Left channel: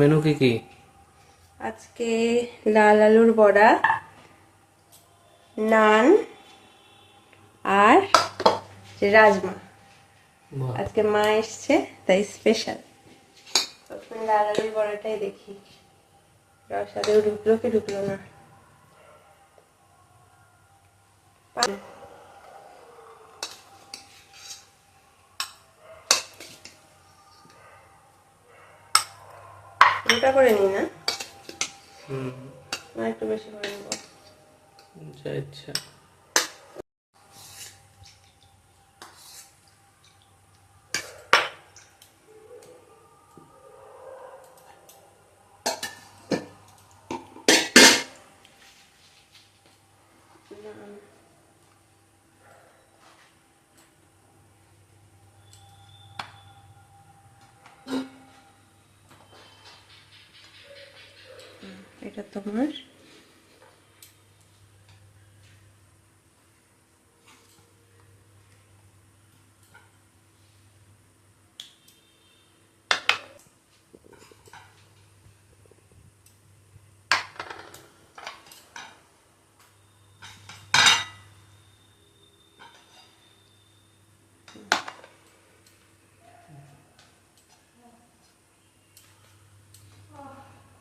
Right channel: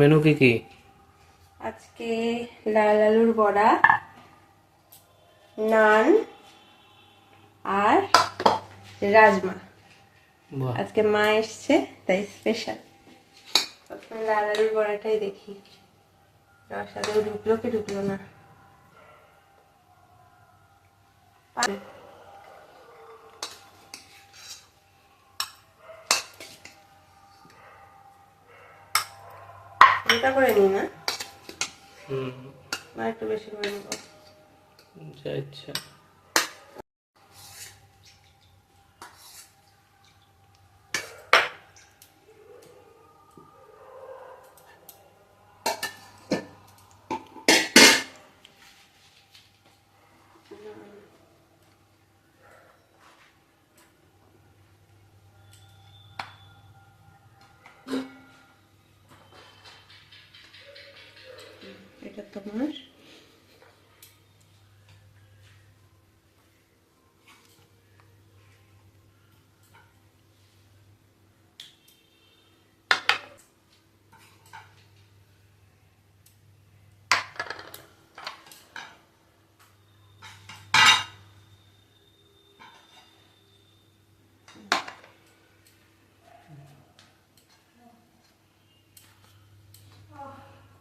Menu কি কি? আজকে লাল আলুর বড়া, নান আর রাজমা। বাহ, আজকে মা এসছে তাই স্পেশাল। প্রথমে লাল আলুর বড়াটাই দেখি রস আদৌ ঢুকলো কি ঢুকলো না। গোটা করে নি না, আর একটু বেশি করে নেবো। যা ইচ্ছা। এটা তোমার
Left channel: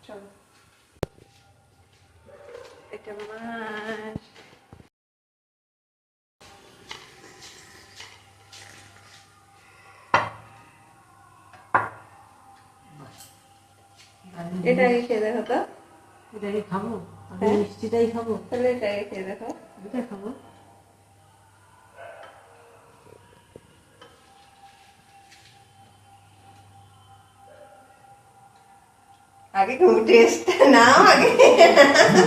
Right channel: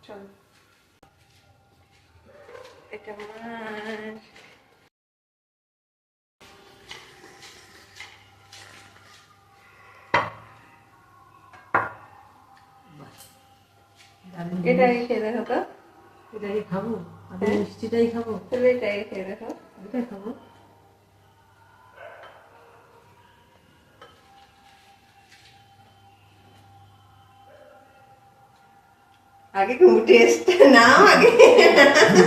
চলো, এটা আমার। এটা আগে খেয়ে দেখো তো। এটাই খাবো, আমি মিষ্টিটাই খাবো। তাহলে এটা আগে খেয়ে দেখো। এটাই খাবো। আগে তুমি টেস্ট নাও আগে।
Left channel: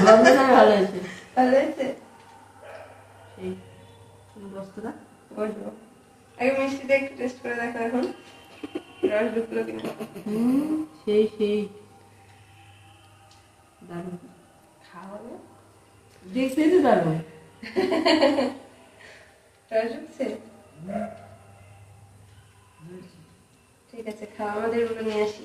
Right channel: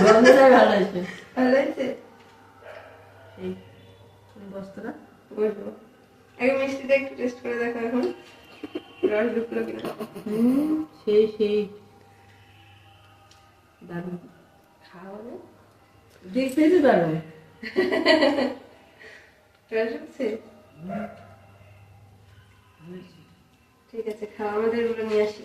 গন্ধটাই ভালো আছে। ভালো হয়েছে? সেই বস্তাটা বসবো। আগে মিষ্টিটা একটু টেস্ট করে দেখো এখন রস ঢুকলো কিনা। সেই সেই দারুণ। খাওয়ালে দেখতেই তো দারুণ। রস ঢুকছে? ঠিক আছে, খাওয়া আমাদের গুলো নিয়ে আসি।